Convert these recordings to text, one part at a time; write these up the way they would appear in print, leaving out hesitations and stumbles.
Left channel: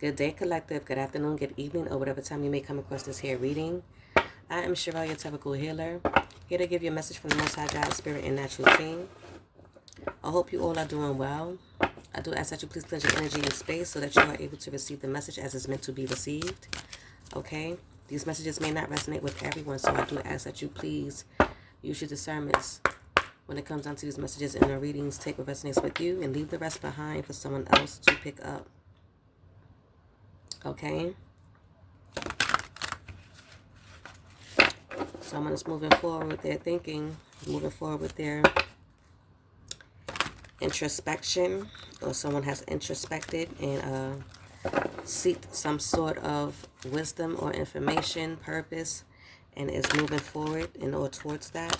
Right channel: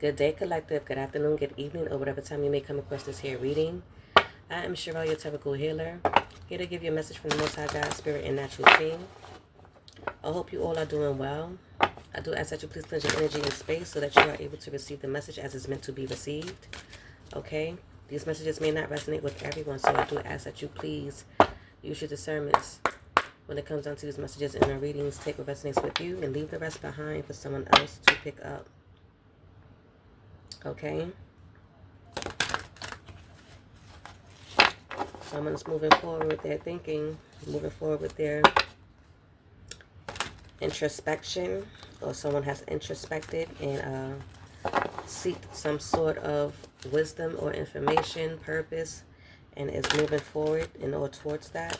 Good day, collective. Good afternoon, good evening, or whatever time you may come across this here reading. I am Cheryl, your typical healer, here to give you a message from the Most High God, Spirit, and Natural Team. I hope you all are doing well. I do ask that you please cleanse your energy and space so that you are able to receive the message as it's meant to be received. Okay? These messages may not resonate with everyone, so I do ask that you please use your discernments when it comes down to these messages in the readings. Take what resonates with you and leave the rest behind for someone else to pick up. Okay? Someone's moving forward with their thinking, moving forward with their introspection, or someone has introspected and seeked some sort of wisdom or information, purpose, and is moving forward in or towards that.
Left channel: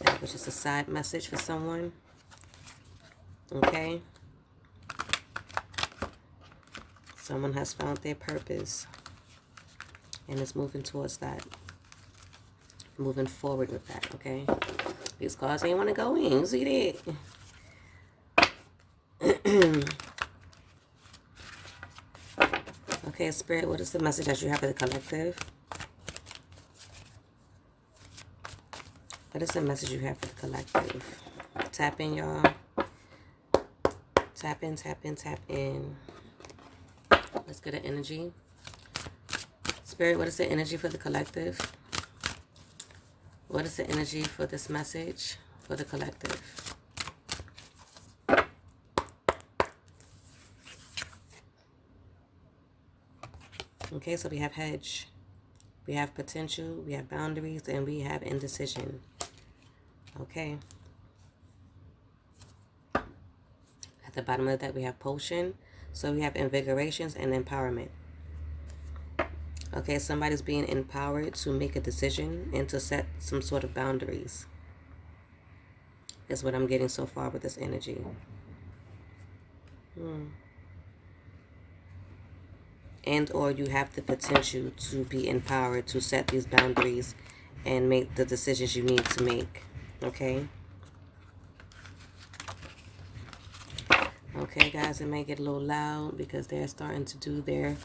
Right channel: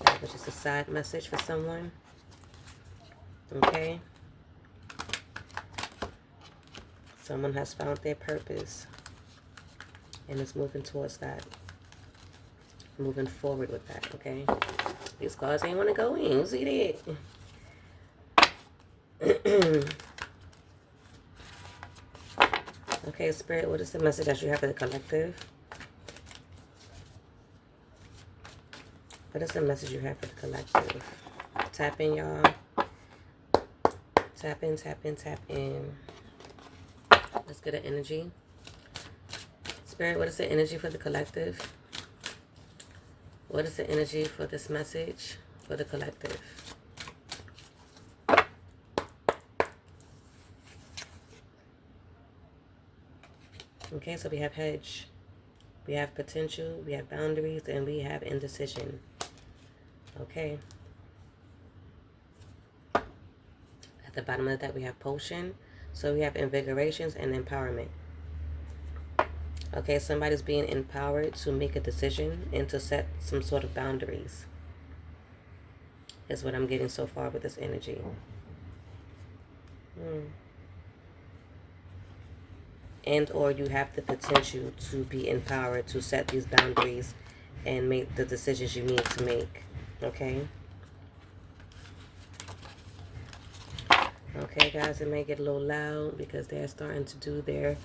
That was just a side message for someone. Okay? Someone has found their purpose and is moving towards that. Moving forward with that, okay? These cards ain't want to go in. See that? Okay, Spirit, what is the message that you have for the collective? What is the message you have for the collective? Tap in, y'all. Tap in, tap in, tap in. Let's get an energy. Spirit, what is the energy for the collective? What is the energy for this message for the collective? Okay, so we have hedge, we have potential, we have boundaries, and we have indecision. Okay. At the bottom of that, we have potion. So we have invigorations and empowerment. Okay, somebody's being empowered to make a decision and to set some sort of boundaries. Is what I'm getting so far with this energy. And or you have the potential to be empowered to set these boundaries and make the decisions you need to make. Okay? Okay, guys, it may get a little loud because they're starting to do their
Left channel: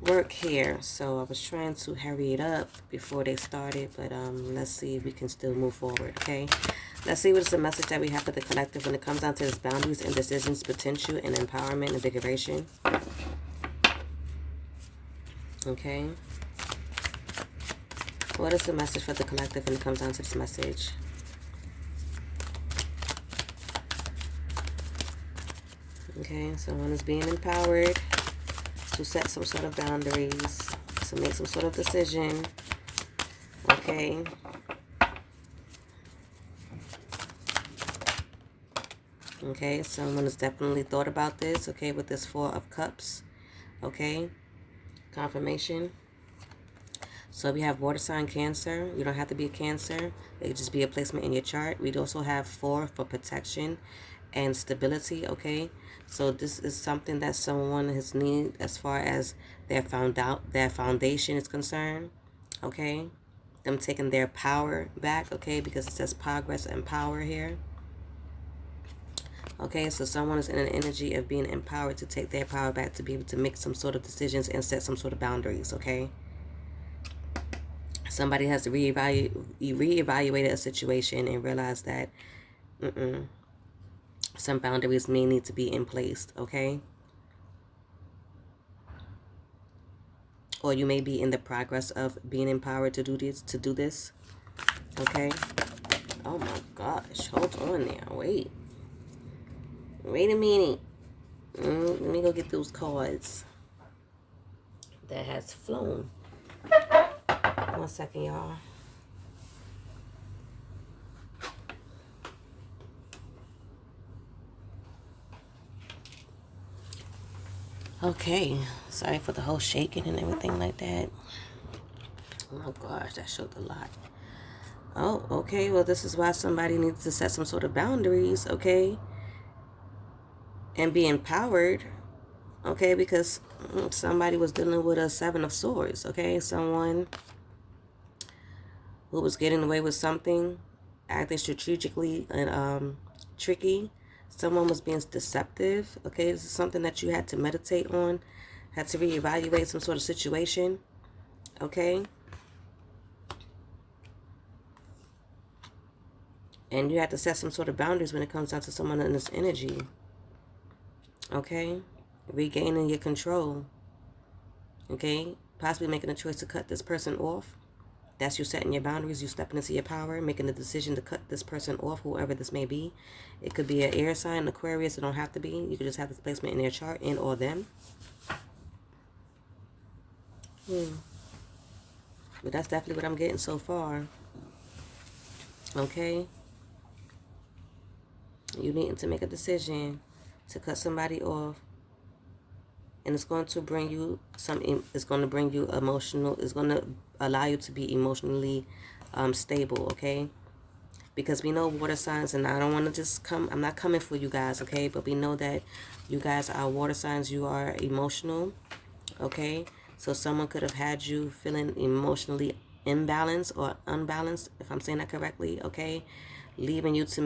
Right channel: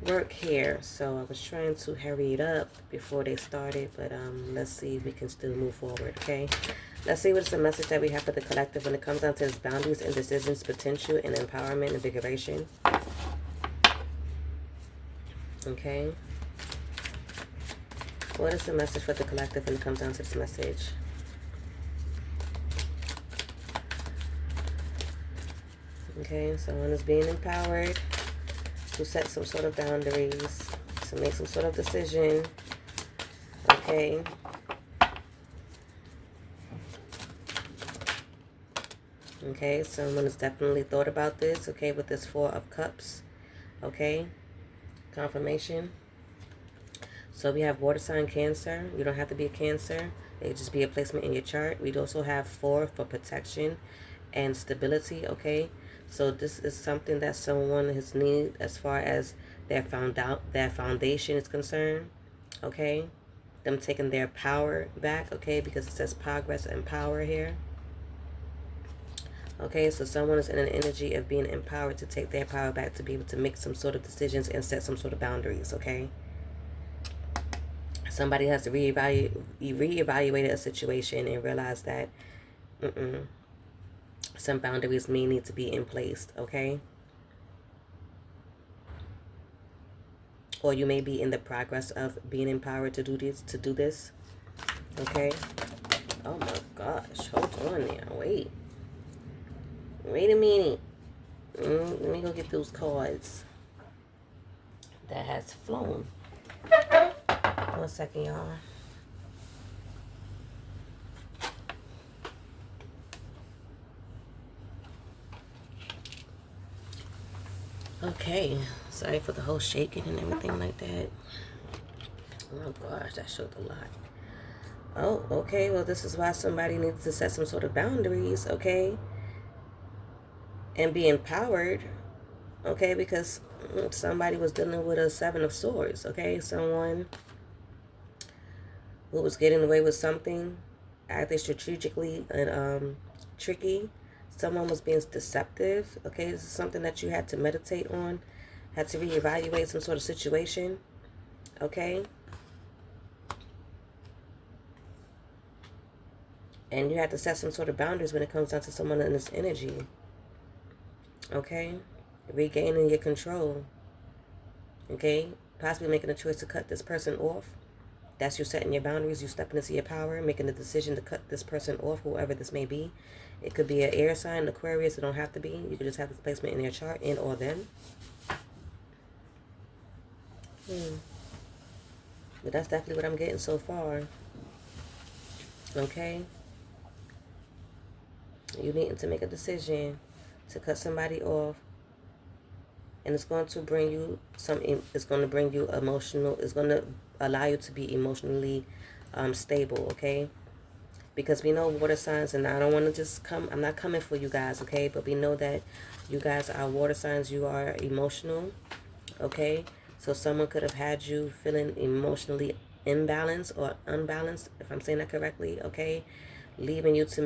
work here. So I was trying to hurry it up before they started, but let's see if we can still move forward, okay? Let's see what's the message that we have for the collective when it comes down to its boundaries and decisions, potential, and empowerment and invigoration. Okay. What is the message for the collective when it comes down to this message? Okay, someone is being empowered to set some sort of boundaries, to make some sort of decision. Okay. Okay, someone has definitely thought about this, okay, with this Four of Cups. Okay. Confirmation. So we have water sign Cancer. You don't have to be a Cancer. It could just be a placement in your chart. We'd also have 4 for protection and stability, okay? So this is something that someone has needed as far as their foundation is concerned, okay? Them taking their power back, okay? Because it says progress and power here. Okay, so someone is in an energy of being empowered to take their power back to be able to make some sort of decisions and set some sort of boundaries, okay? Somebody has to reevaluate a situation and realize that some boundaries may need to be in place, okay? Or you may be in the progress of being empowered to do this, okay? Oh my gosh, hold on now, wait a minute. Let me go get those cards that has flown. 1 second, y'all. Okay, sorry for the whole shaking and everything like that. Oh my gosh, that showed a lot. Oh, okay, well, this is why somebody needs to set some sort of boundaries, okay? And be empowered, okay? Because somebody was dealing with a 7 of Swords, okay? Someone who was getting away with something, acting strategically and tricky, Someone was being deceptive. Okay, this is something that you had to meditate on, had to reevaluate some sort of situation. Okay. And you had to set some sort of boundaries when it comes down to someone in this energy. Okay. Regaining your control. Okay. Possibly making a choice to cut this person off. That's you setting your boundaries. You stepping into your power, making a decision to cut this person off, whoever this may be. It could be an air sign, Aquarius. It don't have to be. You could just have this placement in their chart, and or them. But that's definitely what I'm getting so far. Okay. You needing to make a decision to cut somebody off. And it's going to bring you it's going to bring you emotional, it's going to allow you to be emotionally stable, okay? Because we know water signs, and I don't want to just I'm not coming for you guys, okay? But we know that you guys are water signs, you are emotional, okay? So someone could have had you feeling emotionally imbalanced or unbalanced, if I'm saying that correctly, okay? Leaving you to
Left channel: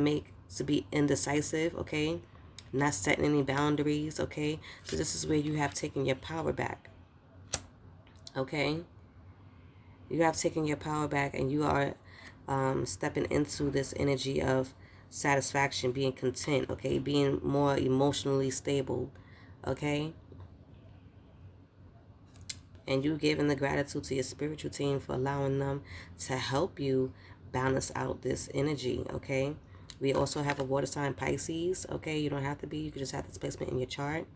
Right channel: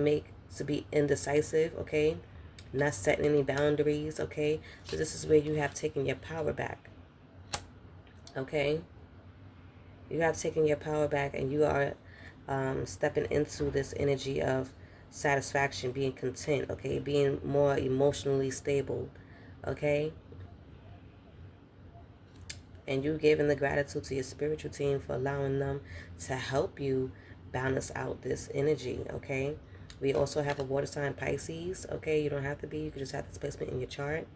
be indecisive, okay? Not setting any boundaries, okay? So this is where you have taken your power back, okay? You have taken your power back, and you are stepping into this energy of satisfaction, being content, okay? Being more emotionally stable, okay? And you giving the gratitude to your spiritual team for allowing them to help you balance out this energy, okay? We also have a water sign, Pisces, okay? You don't have to be. You can just have this placement in your chart.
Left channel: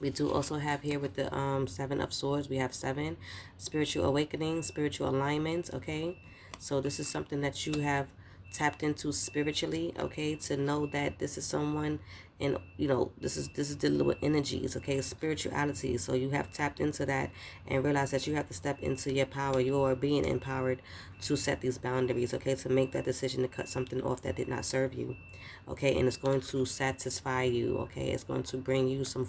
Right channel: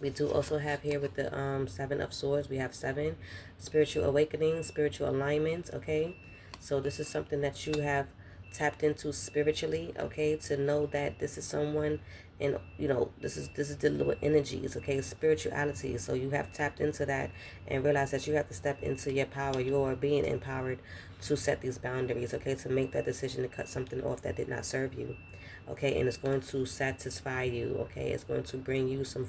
We do also have here with the 7 of Swords, we have 7. Spiritual awakening, spiritual alignment, okay? So this is something that you have tapped into spiritually, okay? To know that this is someone, and you know, this is dealing with energies, okay? Spirituality. So you have tapped into that and realize that you have to step into your power. You are being empowered to set these boundaries, okay? To make that decision to cut something off that did not serve you, okay? And it's going to satisfy you, okay? It's going to bring you some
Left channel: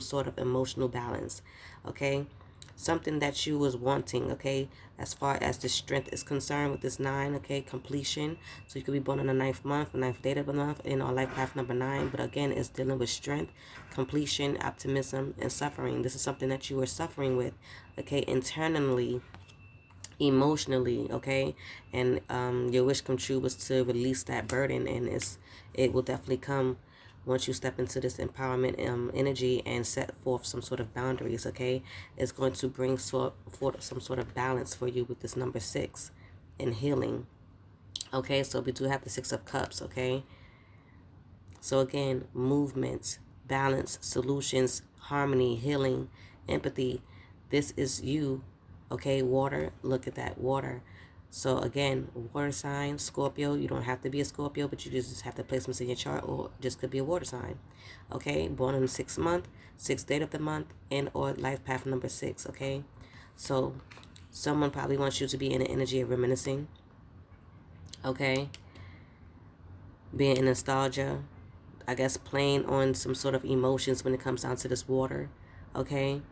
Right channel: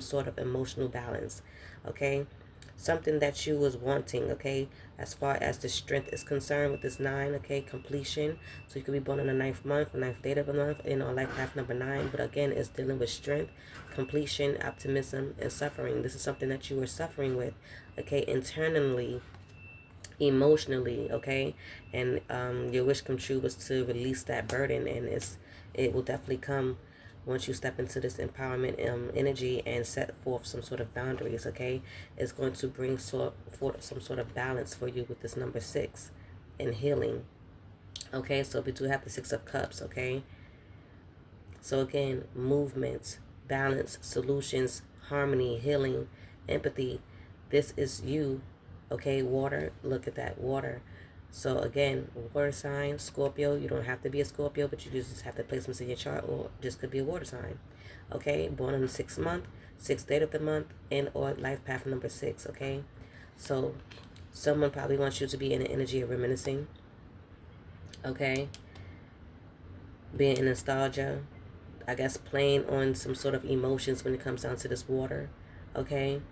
sort of emotional balance, okay? Something that you was wanting, okay? As far as the strength is concerned with this 9, okay? Completion. So you could be born in the 9th month, the 9th date of the month, in our life path number 9. But again, it's dealing with strength, completion, optimism, and suffering. This is something that you were suffering with, okay? Internally, emotionally, okay? And your wish come true was to release that burden, and it will definitely come once you step into this empowerment energy and set forth some sort of boundaries, okay? It's going to bring forth some sort of balance for you with this number 6 and healing, okay? So we do have the 6 of Cups, okay? So again, movement, balance, solutions, harmony, healing, empathy. This is you, okay? Water, look at that, water. So again, water sign, Scorpio. You don't have to be a Scorpio, but you just have to placements in your chart, or just could be a water sign, okay? Born in the 6th month, 6th date of the month, and or life path number 6, okay? So someone probably wants you to be in the energy of reminiscing, okay? Being in nostalgia, I guess playing on some sort of emotions when it comes down to this water, okay?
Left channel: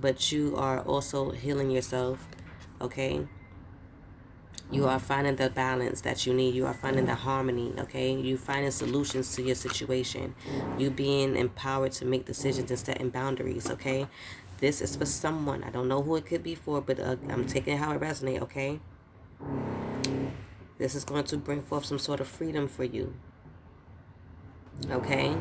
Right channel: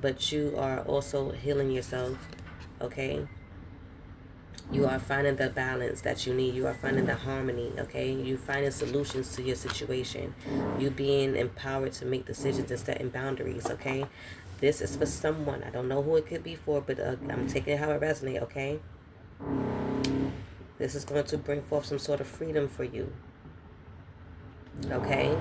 But you are also healing yourself, okay? You are finding the balance that you need. You are finding the harmony, okay? You finding solutions to your situation. You being empowered to make decisions and setting boundaries, okay? This is for someone. I don't know who it could be for, but I'm taking it how it resonates, okay? This is going to bring forth some sort of freedom for you, okay?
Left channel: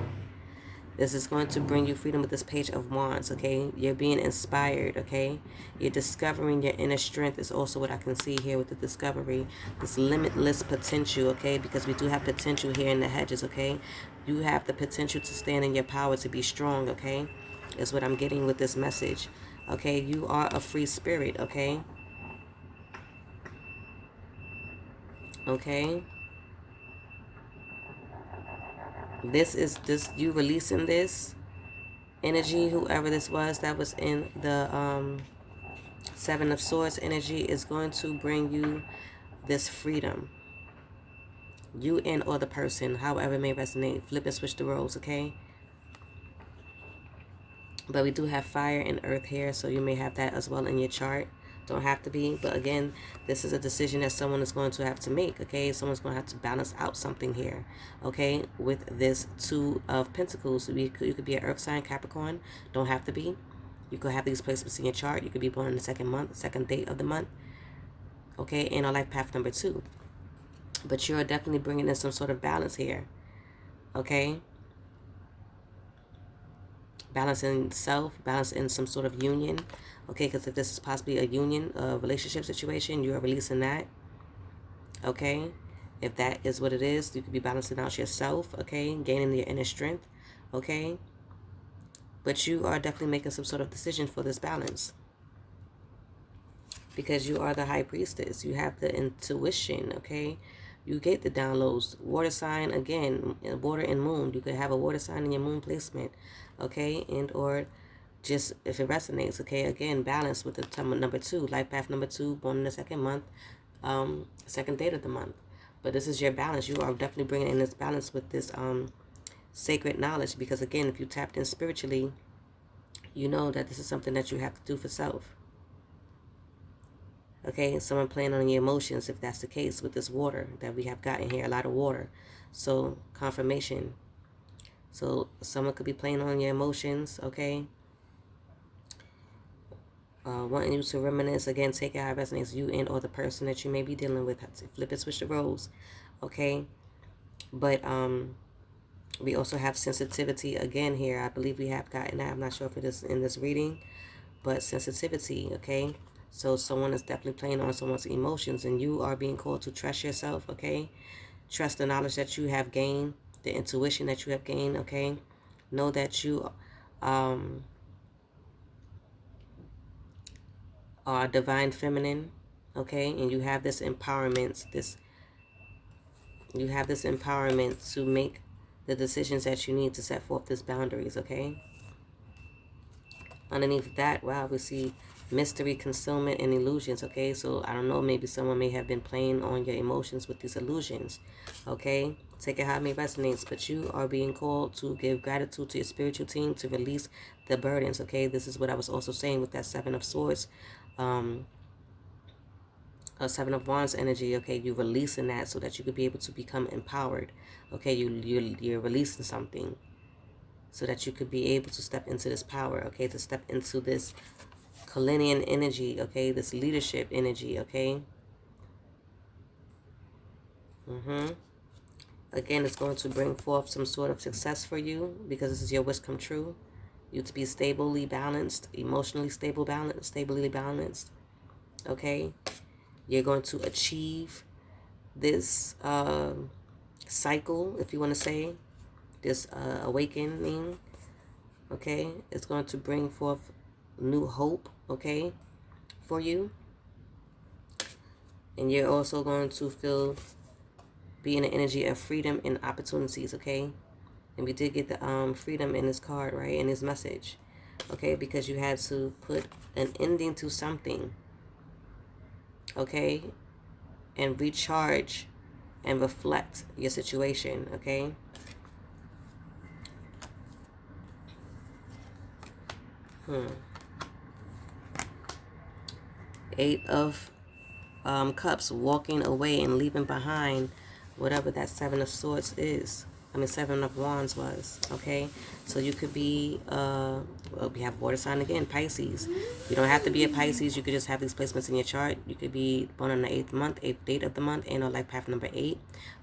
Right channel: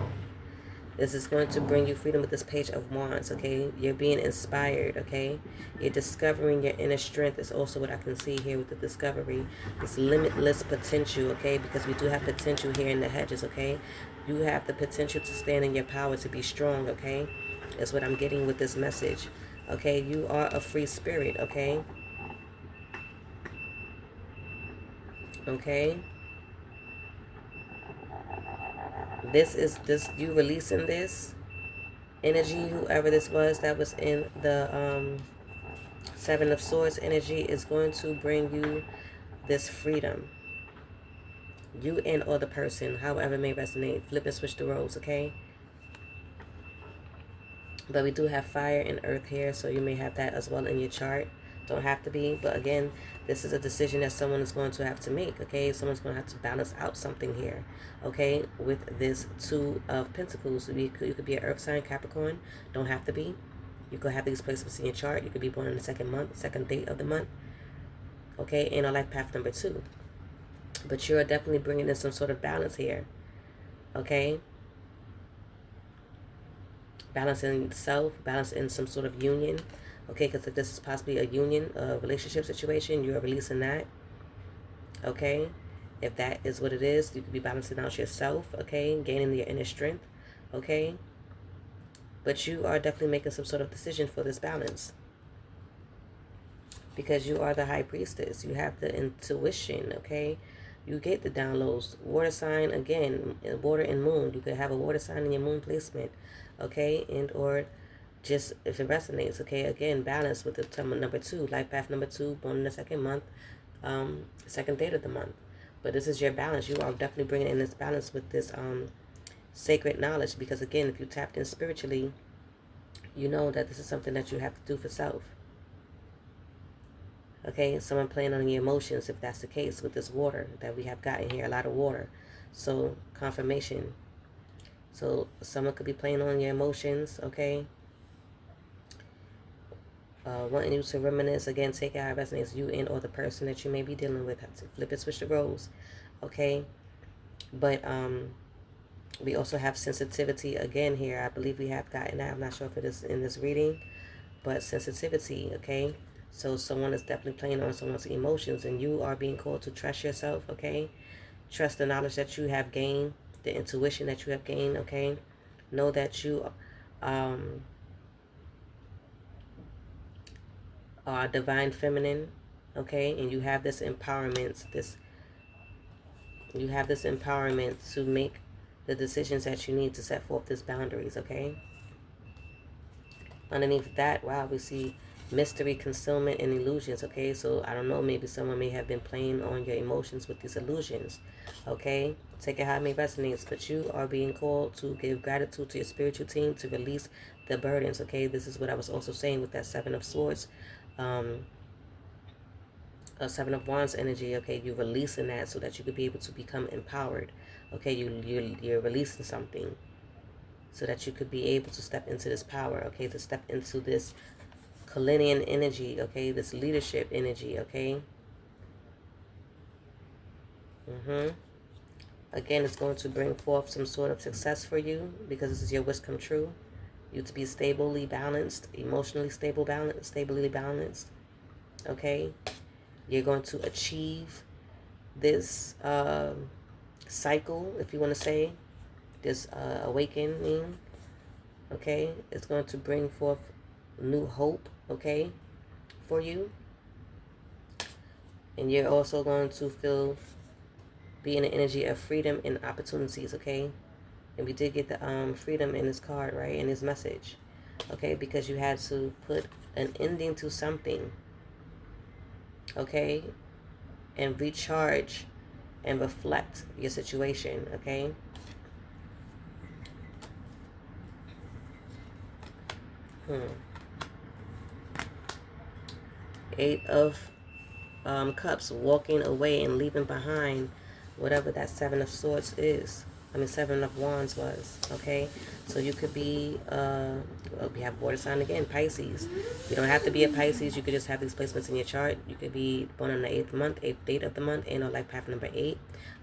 This is going to bring you freedom with this Page of Wands, okay? You're being inspired, okay? You're discovering your inner strength is also what I can see here with the discovery. This limitless potential, okay? Because we do have potential here in the hedges, okay? You have the potential to stand in your power, to be strong, okay? Is what I'm getting with this message, okay? You are a free spirit, okay? Okay? This you releasing this energy, whoever this was that was in the 7 of Swords energy, is going to bring you this freedom. You and or the person, however it may resonate. Flip and switch the roles, okay? But we do have fire and earth here, so you may have that as well in your chart, Don't have to be, but again, this is a decision that someone is going to have to make, okay? Someone's going to have to balance out something here, okay? With this Two of Pentacles, you could be an Earth sign, Capricorn. Don't have to be. You could have these placements in your chart. You could be born in the second month, second date of the month, okay? And a life path number 2. But you're definitely bringing in some sort of balance here, okay? Balance in self, balance in some sort of union, okay? Because if this is possibly a union, a relationship situation, you are releasing that, okay? If that is what it is, you could be balancing out yourself, okay? Gaining your inner strength, okay? But you are definitely making some sort of decision for this balance, because you are the High Priestess. You have the intuition, okay? You get the downloads. Water sign, again, water and moon. You could have a water sign in your moon placement, okay? And or just if it resonates, okay? Again, balance with the number 2, life path number 2, born in the second month, second date of the month. But this is your balance. You are definitely bringing in this balance with this sacred knowledge, because again, if you tapped in spiritually, you know that this is something that you have to do for self. Okay, someone playing on your emotions, if that's the case with this water that we have gotten here, a lot of water. So confirmation. So someone could be playing on your emotions, okay? Wanting you to reminisce, again, take it how it resonates, you and or the person that you may be dealing with. Flip and switch the roles, okay? But we also have sensitivity again here. I believe we have gotten that. I'm not sure if it is in this reading, but sensitivity, okay? So someone is definitely playing on someone's emotions, and you are being called to trust yourself, okay? Trust the knowledge that you have gained, the intuition that you have gained, okay? Know that you are divine feminine, okay? And you have this empowerment, you have this empowerment to make the decisions that you need to set forth these boundaries, okay? Underneath that, wow, we see mystery, concealment, and illusions, okay? So I don't know, maybe someone may have been playing on your emotions with these illusions, okay? Take it how it may resonate, but you are being called to give gratitude to your spiritual team, to release the burdens, okay? This is what I was also saying with that Seven of Swords, Seven of Wands energy, okay? You're releasing that so that you could be able to become empowered, okay? You're releasing something so that you could be able to step into this power, okay? To step into this Kalinian energy, okay? This leadership energy, okay? Again, it's going to bring forth some sort of success for you, because this is your wish come true. You to be stably balanced, emotionally stably balanced, okay? You're going to achieve this cycle, if you want to say, this awakening, okay? It's going to bring forth new hope, okay, for you. And you're also going to be in the energy of freedom and opportunities, okay? And we did get the freedom in this card, right, in this message, okay? Because you had to put an ending to something, okay? And recharge and reflect your situation, okay? Eight of Cups, walking away and leaving behind whatever that Seven of Swords is. I mean, Seven of Wands was, okay? So you could be, well, we have water sign again, Pisces. You don't have to be a Pisces. You could just have these placements in your chart. You could be born on the 8th month, 8th date of the month, and on life path number 8,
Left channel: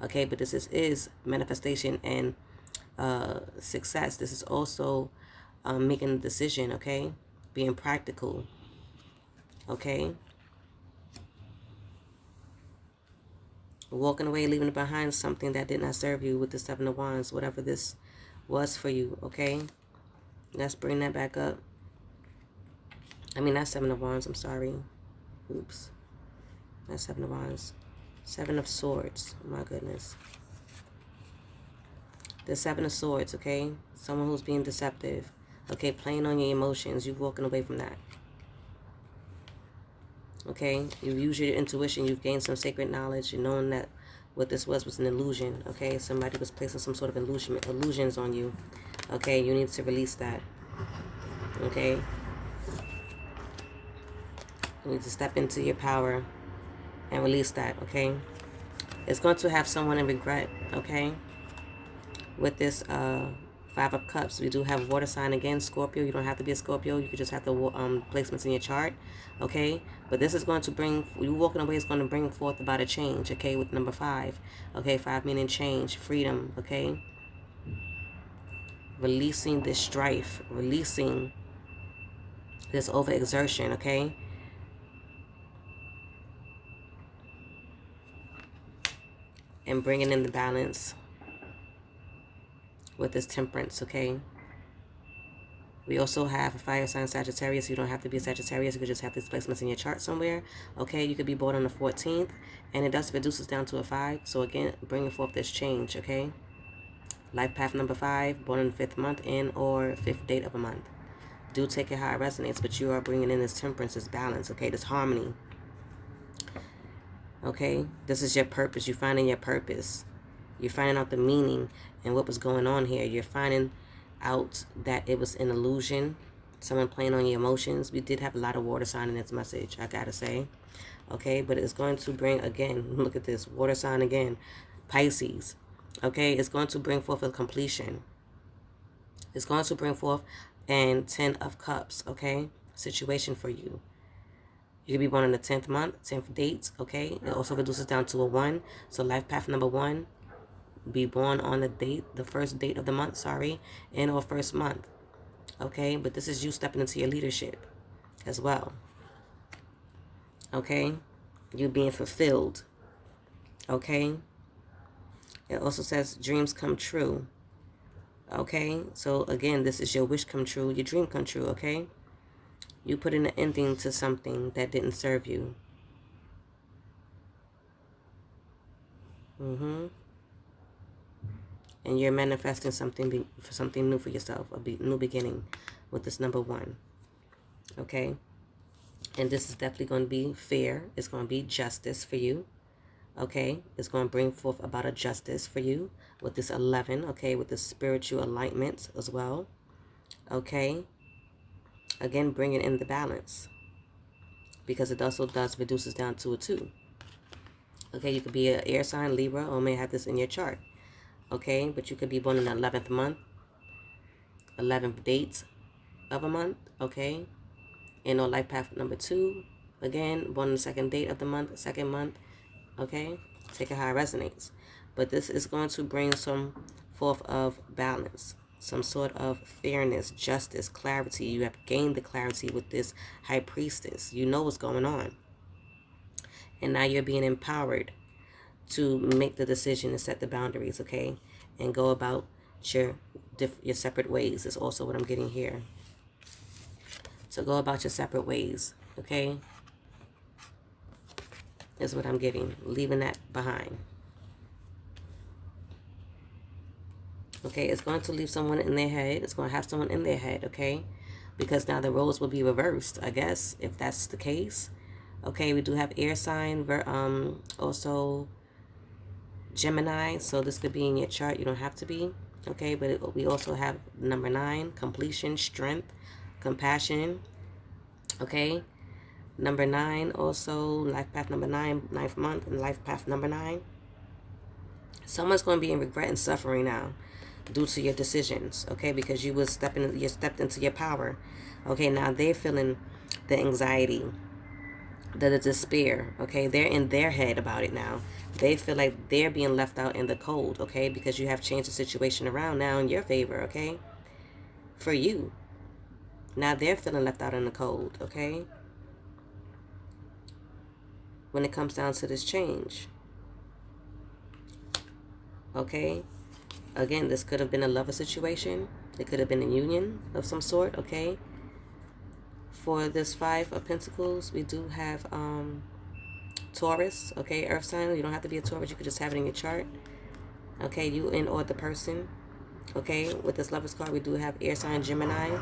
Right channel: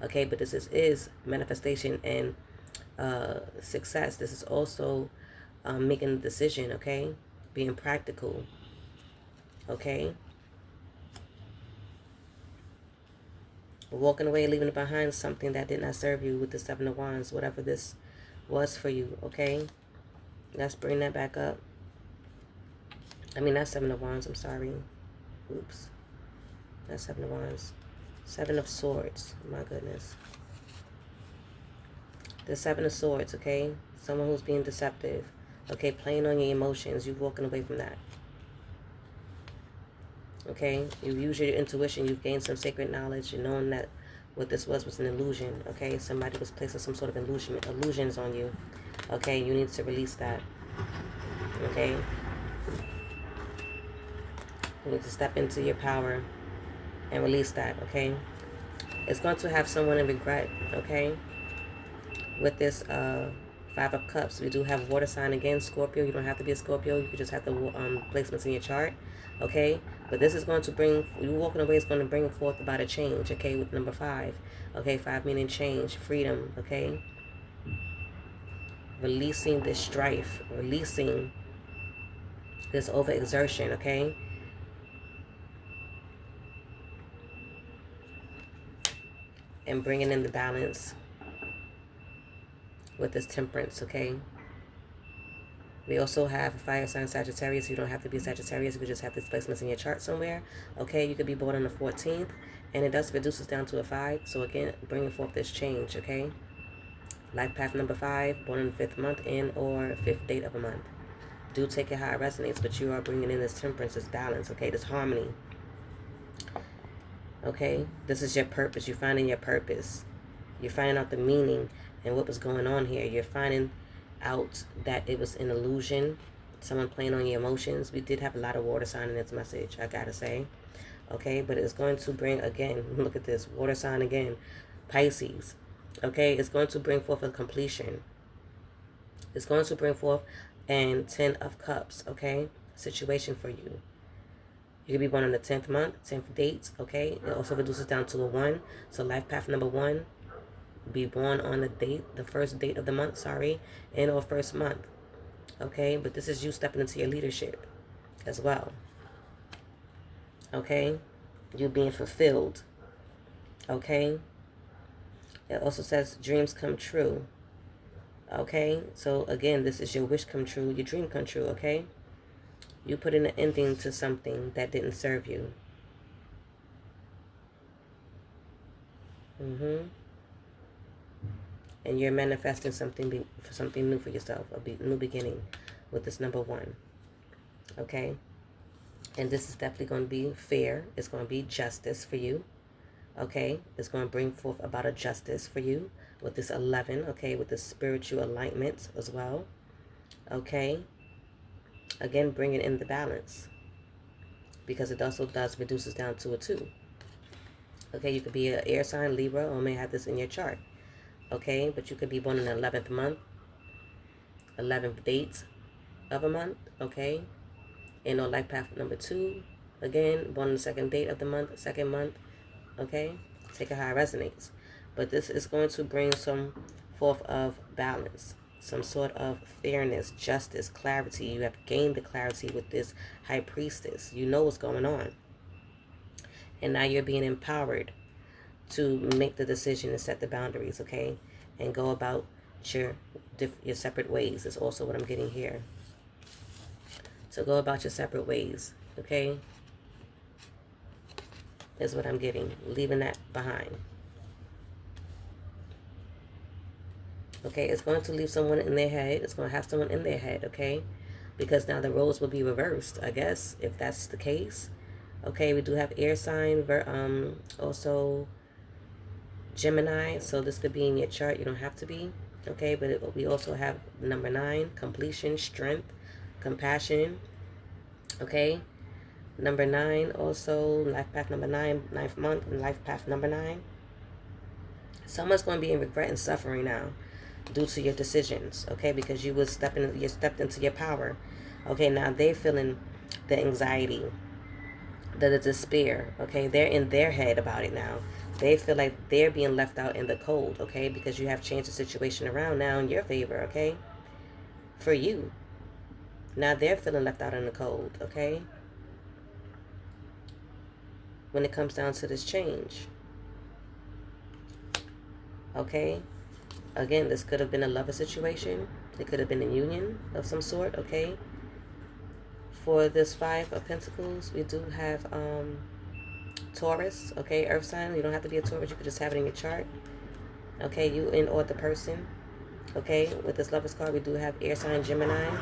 okay? But this is manifestation and success. This is also making a decision, okay? Being practical, okay? Walking away, leaving behind something that did not serve you with the Seven of Wands, whatever this was for you, okay? Let's bring that back up. I mean, not Seven of Wands, I'm sorry. Oops. Not Seven of Wands. Seven of Swords, my goodness. The Seven of Swords, okay? Someone who's being deceptive, okay? Playing on your emotions, you walking away from that. Okay, you use your intuition, you've gained some sacred knowledge, and knowing that what this was an illusion, okay? Somebody was placing some sort of illusions on you, okay? You need to release that, okay? You need to step into your power and release that, okay? It's going to have someone in regret, okay? With this Five of Cups, we do have water sign again, Scorpio. You don't have to be a Scorpio. You could just have the placements in your chart, okay? But this is going to bring, you walking away is going to bring forth about a change, okay, with number 5. Okay, 5 meaning change, freedom, okay? Releasing this strife, releasing this overexertion, okay? And bringing in the balance with this temperance, okay? We also have a fire sign Sagittarius. You don't have to be Sagittarius. You could just have this placements in your chart somewhere. Okay, you could be born on the 14th. And it does reduce us down to a 5. So again, bringing forth this change, okay? Life path number 5, born in the 5th month in or 5th date of a month. Do take it how it resonates, but you are bringing in this temperance, this balance, okay? This harmony. Okay? This is your purpose. You're finding your purpose. You're finding out the meaning and what was going on here. You're finding out that it was an illusion, someone playing on your emotions. We did have a lot of water sign in this message, I gotta say, okay? But it's going to bring, again, look at this, water sign again, Pisces, okay? It's going to bring forth a completion. It's going to bring forth an 10 of Cups, okay? Situation for you. You could be born in the 10th month, 10th date, okay? It also reduces down to a 1. So life path number 1, be born on the date, the first date of the month, and or first month, okay? But this is you stepping into your leadership as well, okay? You being fulfilled, okay? It also says dreams come true, okay? So again, this is your wish come true, your dream come true, okay? You put in an ending to something that didn't serve you. And you're manifesting something for something new for yourself, a new beginning with this number 1, okay? And this is definitely going to be fair. It's going to be justice for you, okay? It's going to bring forth about a justice for you with this 11, okay? With this spiritual alignment as well, okay? Again, bringing in the balance because it also does reduces down to a 2. Okay, you could be an air sign, Libra, or may have this in your chart. Okay, but you could be born in the 11th month, 11th date of a month, okay? And on life path number 2, again, born on the 2nd date of the month, 2nd month, okay? Take it how it resonates. But this is going to bring some forth of balance, some sort of fairness, justice, clarity. You have gained the clarity with this High Priestess. You know what's going on. And now you're being empowered to make the decision and set the boundaries, okay? And go about your separate ways is also what I'm getting here. So go about your separate ways, okay? Is what I'm getting. Leaving that behind. Okay, it's going to leave someone in their head. It's going to have someone in their head, okay? Because now the roles will be reversed, I guess, if that's the case. Okay, we do have air sign, also Gemini, so this could be in your chart. You don't have to be, okay? But we also have number 9, completion, strength, compassion, okay? Number 9, also life path number 9, 9th month, and life path number 9. Someone's going to be in regret and suffering now due to your decisions, okay? Because you stepped into your power, okay? Now they're feeling the anxiety, the despair, okay? They're in their head about it now. They feel like they're being left out in the cold, okay? Because you have changed the situation around now in your favor, okay? For you. Now they're feeling left out in the cold, okay? When it comes down to this change. Okay? Again, this could have been a lover situation. It could have been a union of some sort, okay? For this 5 of Pentacles, we do have Taurus, okay? Earth sign. You don't have to be a Taurus. You could just have it in your chart. Okay, you and or the person. Okay, with this Lovers card, we do have air sign Gemini.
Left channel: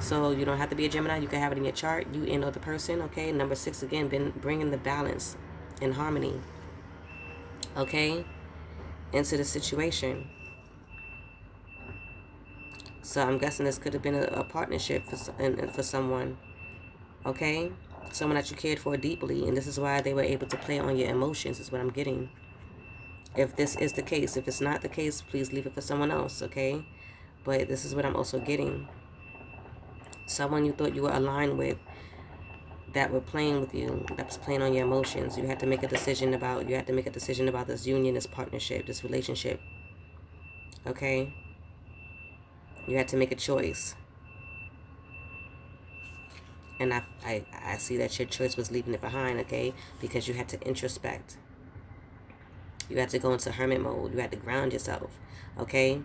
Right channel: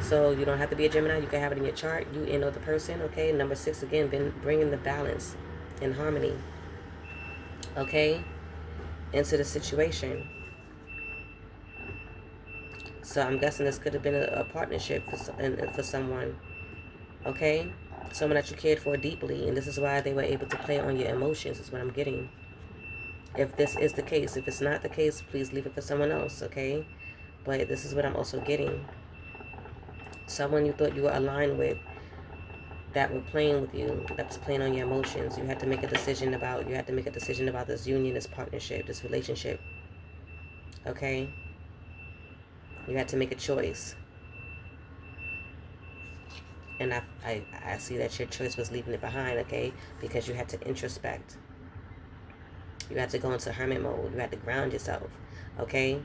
So you don't have to be a Gemini. You can have it in your chart. You and or the person, okay? Number 6, again, been bringing the balance and harmony, okay, into the situation. So I'm guessing this could have been a partnership for someone, okay? Someone that you cared for deeply, and this is why they were able to play on your emotions, is what I'm getting. If this is the case, if it's not the case, please leave it for someone else, okay? But this is what I'm also getting. Someone you thought you were aligned with, that were playing with you, that was playing on your emotions. You had to make a decision about this union, this partnership, this relationship. Okay? You had to make a choice. And I see that your choice was leaving it behind, okay? Because you had to introspect. You had to go into hermit mode. You had to ground yourself, okay?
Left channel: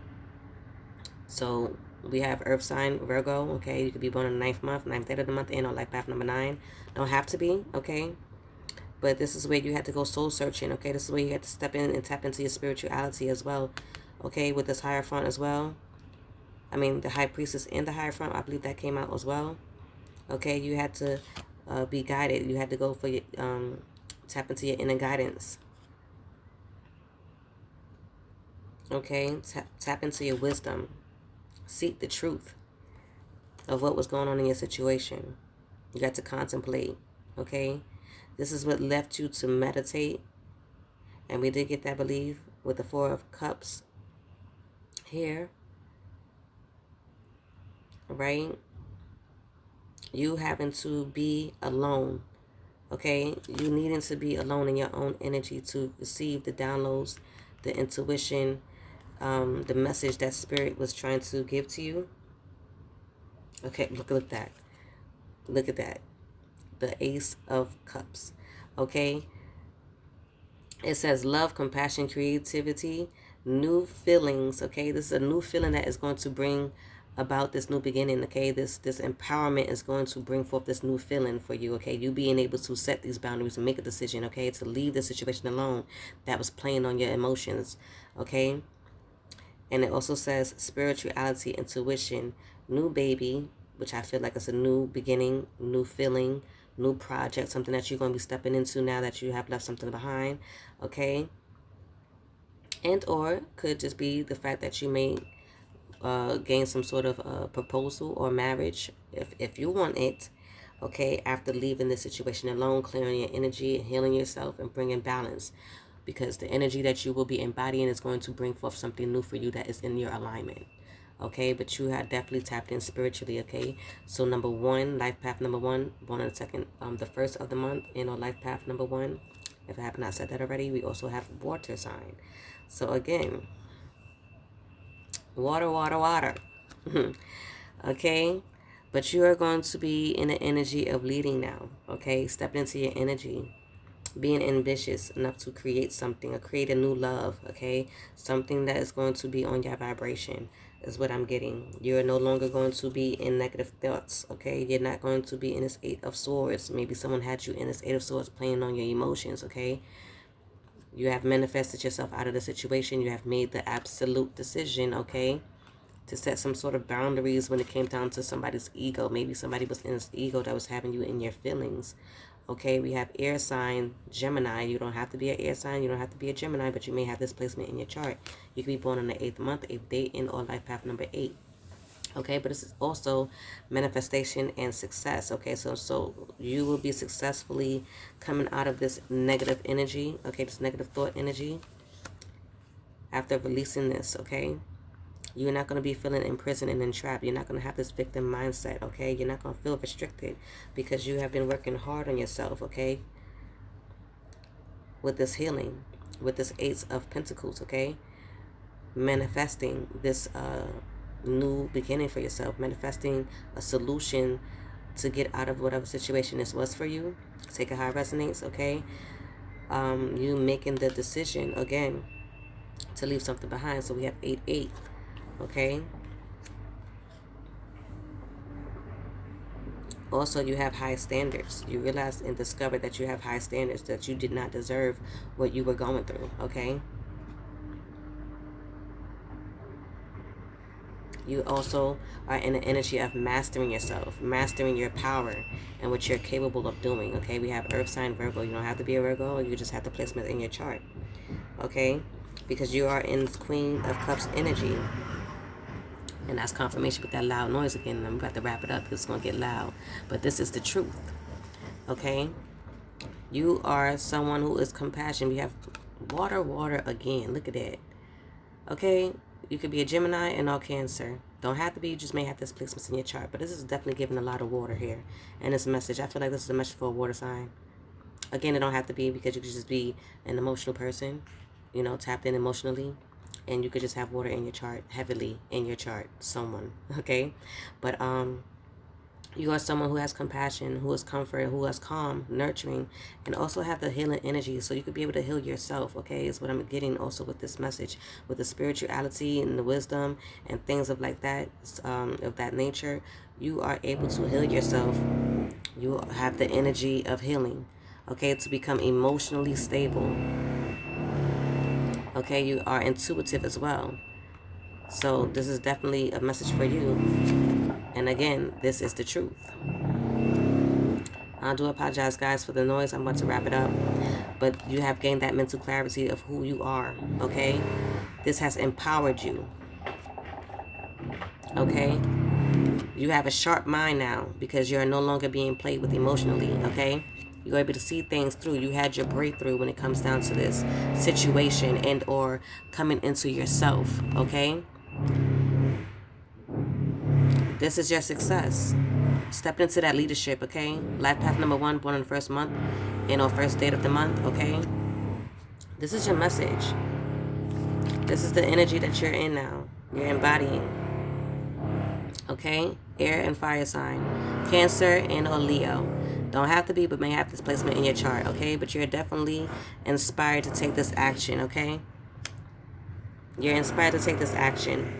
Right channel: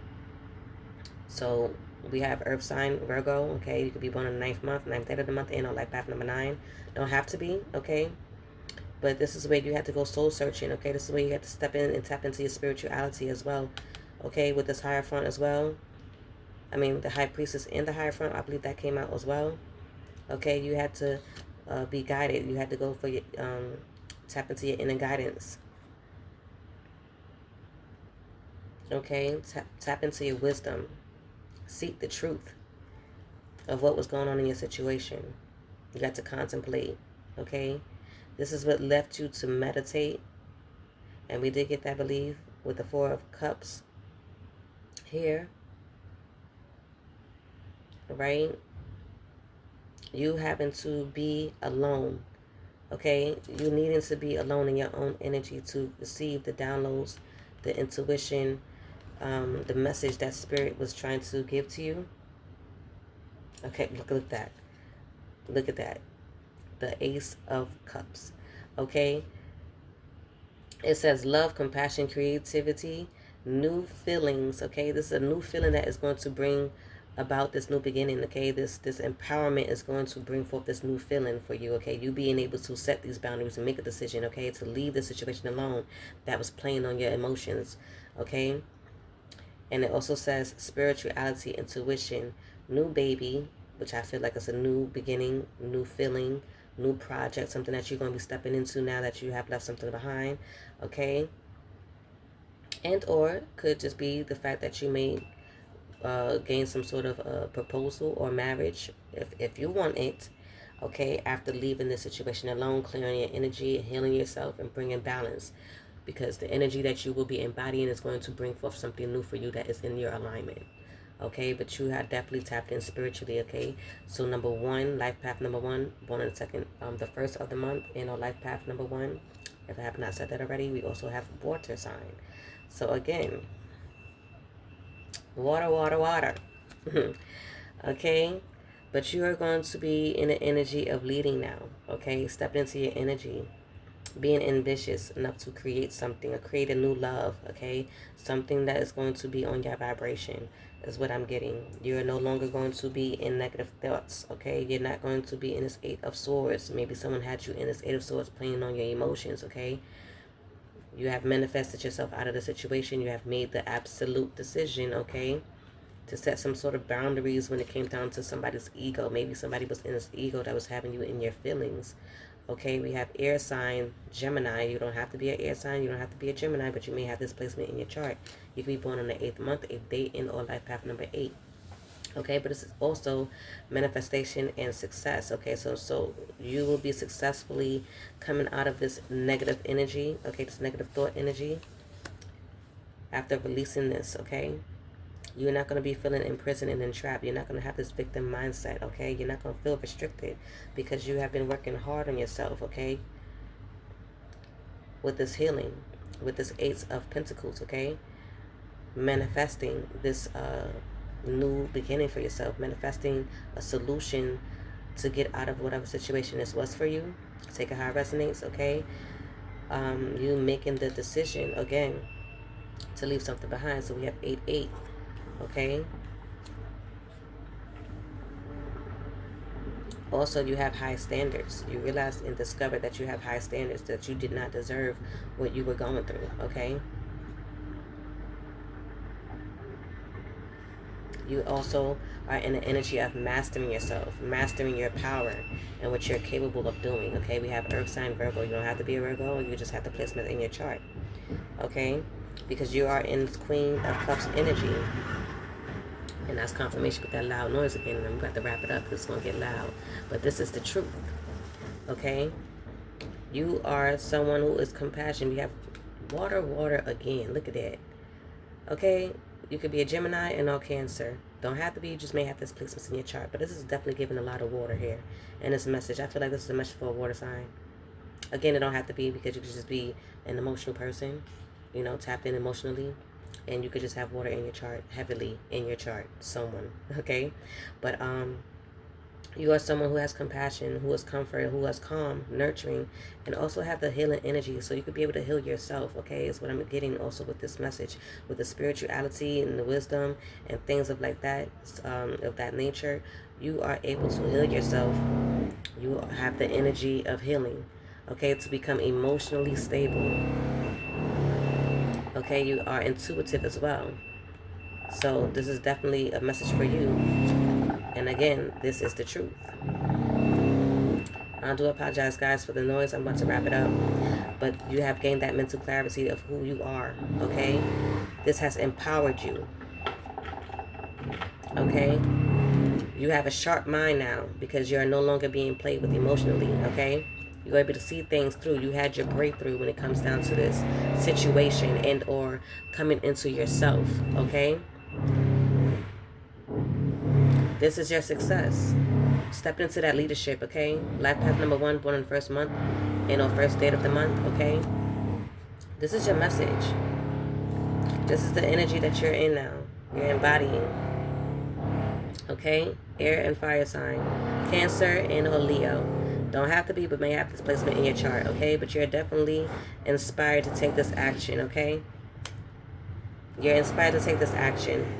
So we have Earth sign Virgo, okay? You could be born in the 9th month, 9th day of the month, and on life path number 9. Don't have to be, okay? But this is where you had to go soul searching, okay? This is where you had to step in and tap into your spirituality as well, okay? With this Hierophant as well. I mean, the High Priestess and the Hierophant, I believe that came out as well. Okay, you had to be guided. You had to go for your, tap into your inner guidance. Okay, tap into your wisdom. Seek the truth of what was going on in your situation. You got to contemplate, okay? This is what left you to meditate. And we did get that, I believe, with the 4 of Cups here. Right? You having to be alone, okay? You needing to be alone in your own energy to receive the downloads, the intuition, the message that Spirit was trying to give to you. Okay, look at that. Look at that. The Ace of Cups, okay? It says love, compassion, creativity, new feelings, okay? This is a new feeling that is going to bring about this new beginning, okay? This empowerment is going to bring forth this new feeling for you, okay? You being able to set these boundaries and make a decision, okay? To leave the situation alone that was playing on your emotions, okay? And it also says spirituality, intuition, new baby, which I feel like it's a new beginning, new feeling, new project, something that you're going to be stepping into now that you have left something behind, okay? And or could just be the fact that you may gain some sort of proposal or marriage if you want it, okay, after leaving the situation alone, clearing your energy, healing yourself, and bringing balance, because the energy that you will be embodying is going to bring forth something new for you that is in your alignment, okay? But you have definitely tapped in spiritually, okay? So number 1, life path number 1, born on the 2nd, the 1st of the month, and on life path number 1, if I have not said that already, we also have water sign. So again, water, water, water. Okay? But you are going to be in the energy of leading now. Okay? Step into your energy. Being ambitious enough to create something or create a new love. Okay? Something that is going to be on your vibration is what I'm getting. You're no longer going to be in negative thoughts. Okay? You're not going to be in this 8 of Swords. Maybe someone had you in this 8 of Swords playing on your emotions. Okay? You have manifested yourself out of the situation. You have made the absolute decision, okay, to set some sort of boundaries when it came down to somebody's ego. Maybe somebody was in this ego that was having you in your feelings. Okay, we have air sign, Gemini. You don't have to be an air sign. You don't have to be a Gemini, but you may have this placement in your chart. You could be born on the 8th month, 8th day, in or life path number 8. Okay, but this is also manifestation and success. Okay, so you will be successfully coming out of this negative energy, okay, this negative thought energy, after releasing this, okay? You're not going to be feeling imprisoned and entrapped. You're not going to have this victim mindset, okay? You're not going to feel restricted because you have been working hard on yourself, okay? With this healing, with this 8 of Pentacles, okay? Manifesting this new beginning for yourself, manifesting a solution to get out of whatever situation this was for you. Take it how it resonates, okay? You making the decision, again, to leave something behind. So we have 8-8, okay? Also, you have high standards. You realize and discover that you have high standards, that you did not deserve what you were going through, okay? You also are in the energy of mastering yourself, mastering your power and what you're capable of doing, okay? We have Earth sign Virgo. You don't have to be a Virgo. You just have the placement in your chart, okay? Because you are in Queen of Cups energy. And that's confirmation with that loud noise again. And I'm about to wrap it up because it's going to get loud. But this is the truth. okay? You are someone who is compassionate. We have water again. Look at that. Okay? You could be a Gemini and all Cancer. Don't have to be. You just may have this placements in your chart. But this is definitely giving a lot of water here. And this message, I feel like this is a message for a water sign. Again, it don't have to be, because you could just be an emotional person, you know, tapped in emotionally. And you could just have water in your chart, heavily in your chart, someone, okay? But you are someone who has compassion, who is comfort, who is calm, nurturing, and also have the healing energy. So you could be able to heal yourself, okay? Is what I'm getting also with this message, with the spirituality and the wisdom and things of like that, of that nature. You are able to heal yourself. You have the energy of healing, okay, to become emotionally stable. Okay, you are intuitive as well. So this is definitely a message for you. And again, this is the truth. I do apologize, guys, for the noise. I'm about to wrap it up. But you have gained that mental clarity of who you are, okay? This has empowered you, okay? You have a sharp mind now because you're no longer being played with emotionally, okay? You're able to see things through. You had your breakthrough when it comes down to this situation and or coming into yourself, okay? This is your success. Step into that leadership, okay? Life path number 1, born in the first month and on first date of the month, okay? This is your message. This is the energy that you're in now. You're embodying, okay? Air and fire sign. Cancer and or Leo. Don't have to be, but may have this placement in your chart, okay? But you're definitely inspired to take this action, okay? You're inspired to take this action.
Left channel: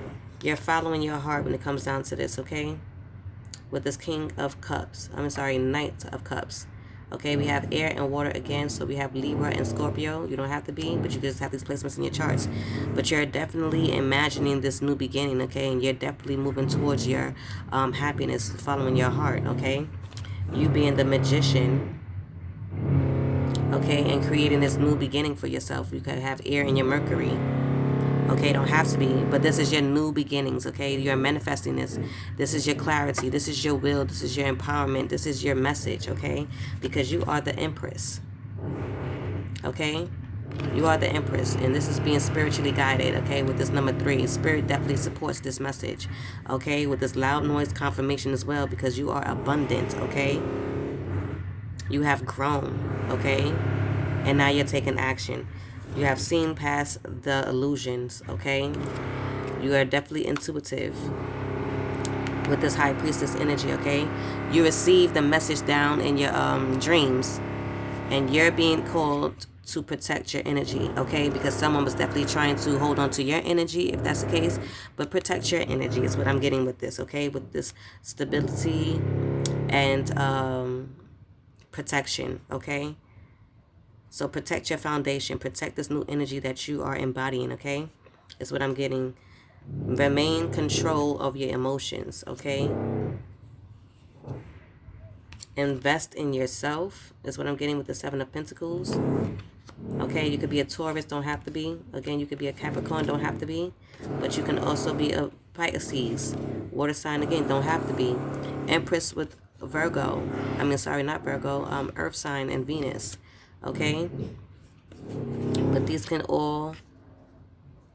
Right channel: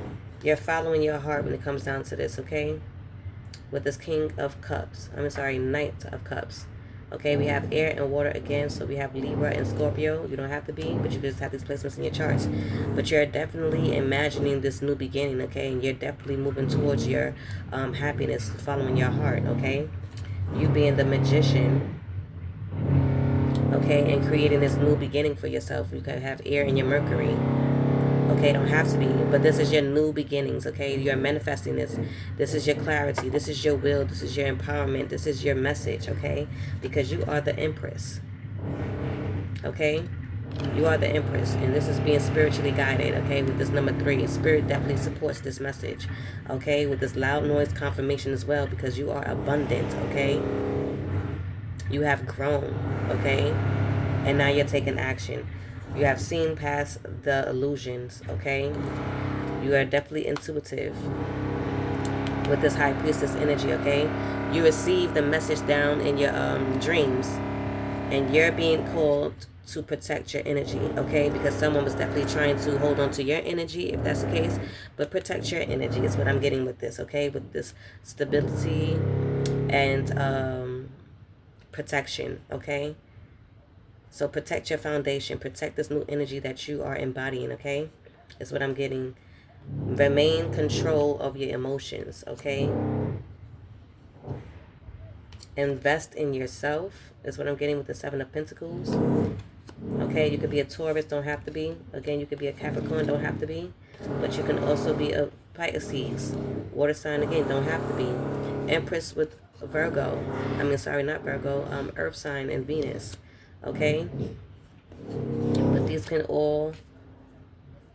You're following your heart when it comes down to this, okay? With this King of Cups. Knight of Cups. Okay, we have air and water again. So we have Libra and Scorpio. You don't have to be, but you just have these placements in your charts. But you're definitely imagining this new beginning, okay? And you're definitely moving towards your happiness, following your heart, okay? You being the magician, okay, and creating this new beginning for yourself. You can have air in your Mercury. Okay, don't have to be, but this is your new beginnings, okay? You're manifesting this. This is your clarity. This is your will. This is your empowerment. This is your message, okay? Because you are the Empress, okay? You are the Empress, and this is being spiritually guided, okay? With this number 3, Spirit definitely supports this message, okay? With this loud noise confirmation as well, because you are abundant, okay? You have grown, okay? And now you're taking action. You have seen past the illusions, okay? You are definitely intuitive with this High Priestess energy, okay? You receive the message down in your dreams, and you're being called to protect your energy, okay? Because someone was definitely trying to hold on to your energy, if that's the case. But protect your energy is what I'm getting with this, okay? With this stability and protection, okay? So protect your foundation. Protect this new energy that you are embodying, okay? Is what I'm getting. Remain control of your emotions, okay? Invest in yourself is what I'm getting with the 7 of Pentacles. Okay, you could be a Taurus, don't have to be. Again, you could be a Capricorn, don't have to be. But you can also be a Pisces. Water sign, again, don't have to be. Empress with Virgo. Not Virgo. Earth sign and Venus. Okay? But these can all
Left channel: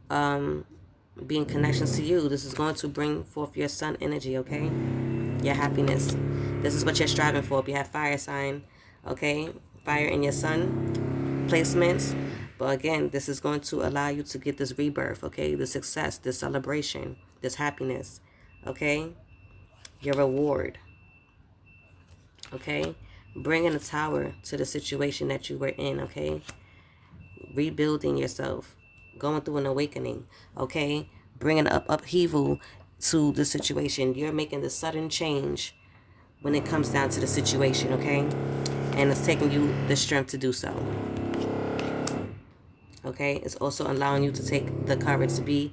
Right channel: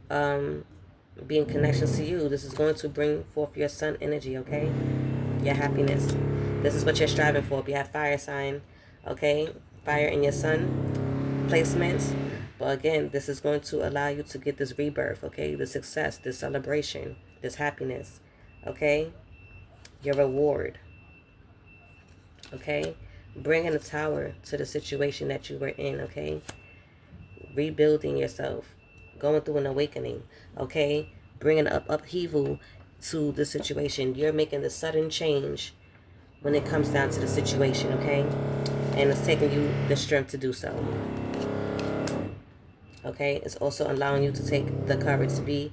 be in connections to you. This is going to bring forth your sun energy, okay? Your happiness. This is what you're striving for. If you have fire sign, okay? Fire in your sun placements. But again, this is going to allow you to get this rebirth, okay? The success, this celebration, this happiness, okay? Your reward, okay? Bringing a tower to the situation that you were in, okay? Rebuilding yourself, going through an awakening, okay? Bringing up upheaval to the situation. You're making the sudden change when it comes down to the situation, okay? And it's taking you the strength to do so, okay? It's also allowing you to take the courage to be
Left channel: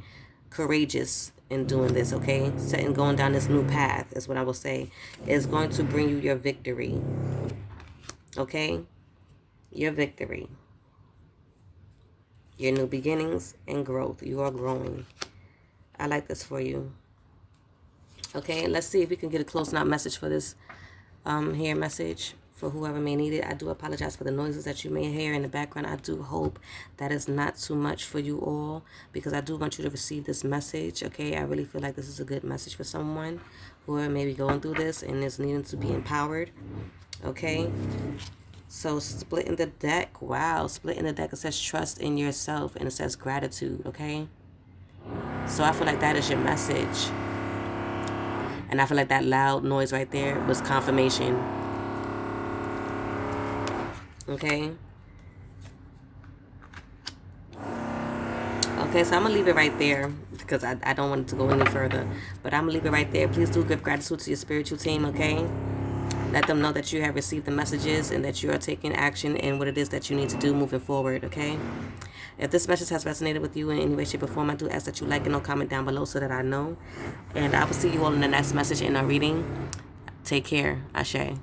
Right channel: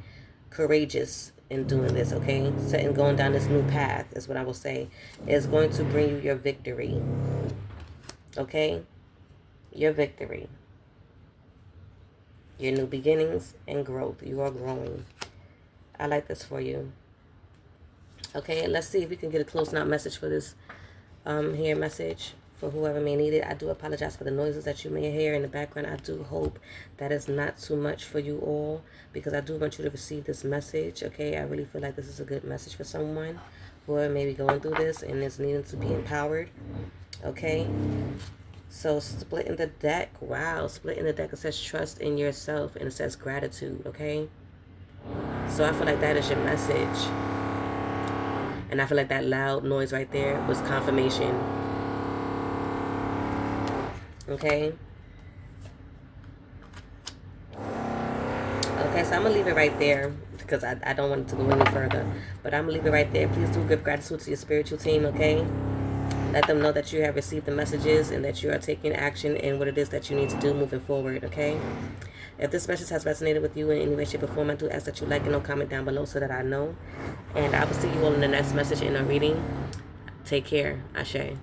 courageous in doing this, okay? Setting, going down this new path is what I will say. Is going to bring you your victory, okay? Your victory. Your new beginnings and growth. You are growing. I like this for you. Okay, let's see if we can get a close-out message for this here message for whoever may need it. I do apologize for the noises that you may hear in the background. I do hope that is not too much for you all, because I do want you to receive this message, okay? I really feel like this is a good message for someone who are maybe going through this and is needing to be empowered, okay? So splitting the deck, wow, splitting the deck, it says trust in yourself, and it says gratitude, okay? So I feel like that is your message. And I feel like that loud noise right there was confirmation. Okay? Okay, so I'm going to leave it right there because I don't want it to go any further. But I'm going to leave it right there. Please do give gratitude to your spiritual team, okay? Let them know that you have received the messages and that you are taking action in what it is that you need to do moving forward, okay? If this message has resonated with you in any way, shape, or form, I do ask that you like and comment down below so that I know. And I will see you all in the next message in our reading. Take care. Ashe.